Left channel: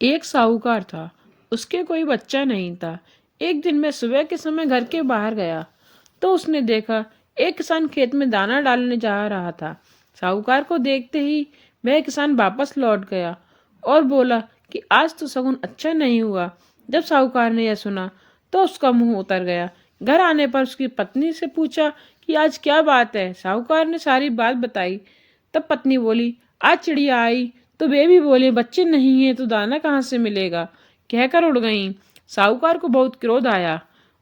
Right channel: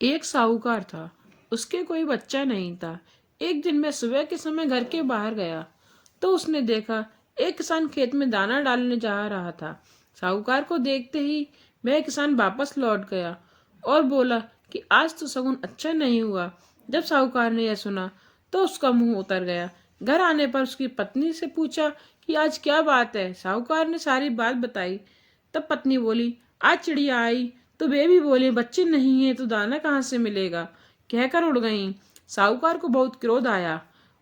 एक साहूकार था। उसके कोई बच्चा नहीं था। एक दिन मैं सुबह के समय घर के बाहर गया तो उसने देखा एक किसान खेत में दाना डालने जा रहा था। साहूकार को देखते ही वह किसान वापस लौट गया और बोला कि आज तो शगुन अच्छा नहीं हुआ। जब साहूकार ने यह सुना तो उसका मुंह उतर गया। घर आने पर उसकी पत्नी से पूछा कि आज क्या बात है। साहूकार ने सारी बात बताई। तब पत्नी बोली, आज चिड़िया आई तो वे भी बोले बच्चे नहीं है तो दाना कहाँ से मिलेगा, कहकर उड़ गईं। साहूकार को बहुत क्रोध आया।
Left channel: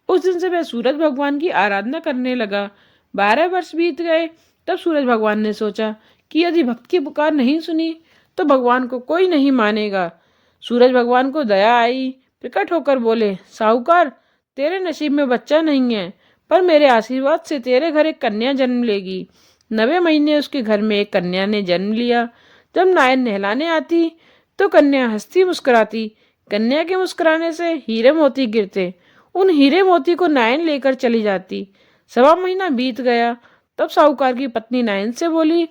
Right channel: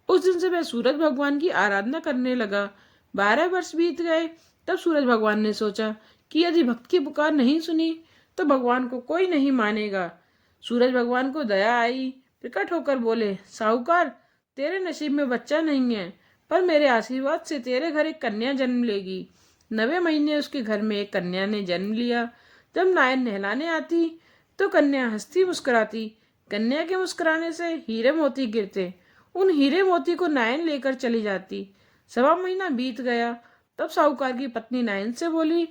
उस दिन से वह सूरज भगवान की आराधना करने लगा। 12 वर्ष बीत गए। तब सूरज भगवान ने सोचा कि यदि भक्त की पुकार नहीं सुनी तो भगवान को कोई नहीं मानेगा। सूरज भगवान को दया आई। प्रकट होकर बोले, साहूकार, तेरे नसीब में बच्चा नहीं है, पर मेरे आशीर्वाद से तेरे घर एक कन्या जन्म लेगी। 9वें महीने उसके घर में एक कन्या ने जन्म लिया। जब नायन नहलाने आती तो कन्या हंसती मुस्कुराती। कन्या के मुस्कुराने से हीरे मोती गिरते। उन हीरे मोती को नायन लेकर चली जाती। 1.25 महीना बीत गया। तब साहूकार की पत्नी नायन से बोली,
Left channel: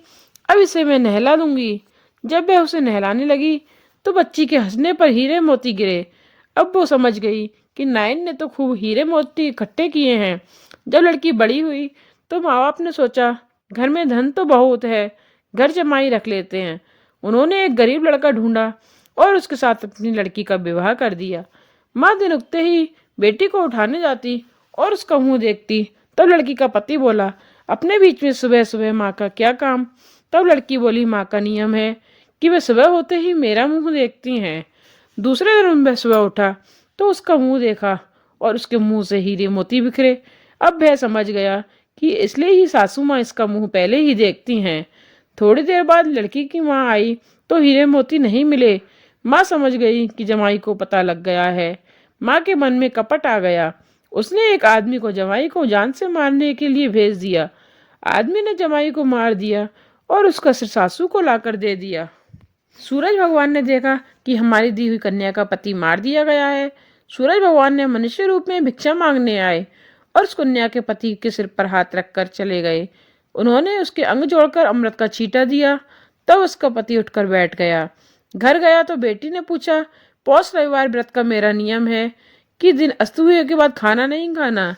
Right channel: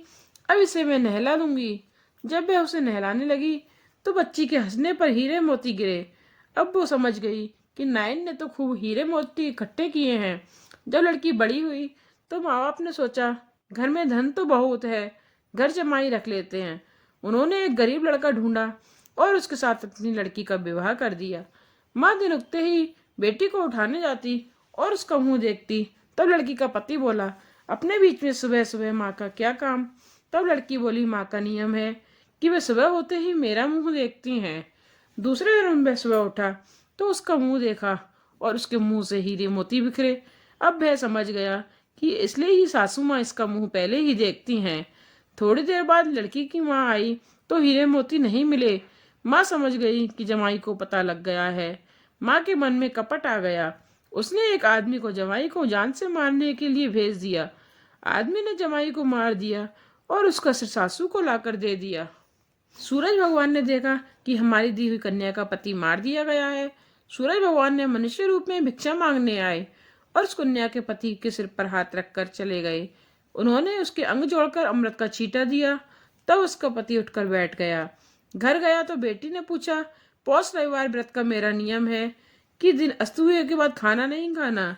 अब इसे मैं नहला दूंगी। जब वह उसे नहलाने लगी तो बच्ची के हंसने पर हीरे मोती गिरे। अब वो समझ गई कि नायन ने तो खूब हीरे मोती इकट्ठे किए हैं। जब लड़की बड़ी हुई तो माँ बाप ने सोचा घर में धन तो बहुत है, घर जमाई रख लेते हैं। उन्होंने एक गरीब लड़का ढूंढा और उसके साथ अपनी लड़की का विवाह कर दिया। माँ दिन उगते ही बेटी को उठाने जाती और उसका मुंह देखती। तब लड़की का पति बोला, अपने बीच में सुबह सुबह माँ का क्या काम। तब लड़की बोली, माँ का नियम है कि वे सुबह होते ही मेरा मुंह देखती हैं। दूसरे दिन वह सुबह उठा तो उसका मुंह देखा और उसके मुंह से हीरे मोती बिखरे। अब वह समझ गया कि इसलिए ही सासू माँ इसका मुंह पहले ही देखती हैं। थोड़ी देर बाद लड़की की माँ आई तो हीरे मोती नहीं मिले। माँ समझ गई कि जमाई को पता लग गया है। माँ के मन में कपट आ गया। उसने एक आदमी को जमाई को जान से मारने के लिए भेज दिया। आदमी ने जमाई को मार दिया और उसका सिर सासू को लाकर दे दिया। सूरज भगवान ने देखा कि हमारी दी हुई कन्या का पति मार दिया गया है। सूरज भगवान ने मनुष्य रूप में भिक्षा मांगने आए और उस कन्या के पति के सिर पर हाथ रखकर चले गए। उन्होंने उसके अंग जोड़कर अमृत का छींटा दिया। तब उसका पति उठकर बैठ गया। घर गया तो बेटी ने पूछा, पौष रविवार व्रत का मेरा नियम है कि दिन अस्त हुए के बाद खाना नहीं खाना,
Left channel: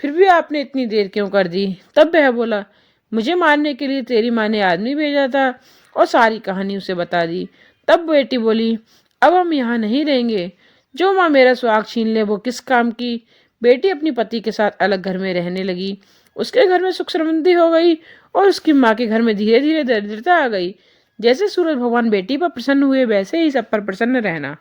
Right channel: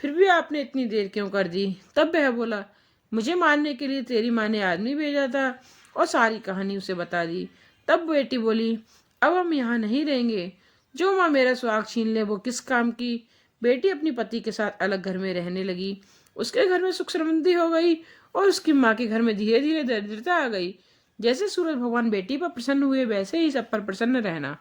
फिर भी आपने इतनी देर क्यों कर दी। तब वह बोला, मुझे मारने के लिए तेरी माँ ने आदमी भेजा था और सारी कहानी उसे बता दी। तब बेटी बोली, अब हम यहाँ नहीं रहेंगे। जो माँ मेरा सुहाग छीन ले वो किस काम की। बेटी अपनी पति के साथ अलग घर में रहने लगी। उसके घर में सुख समृद्धि हो गई और उसकी माँ के घर में धीरे धीरे दरिद्रता आ गई। जैसे सूरज भगवान बेटी पर प्रसन्न हुए वैसे ही सब पर प्रसन्न रहना।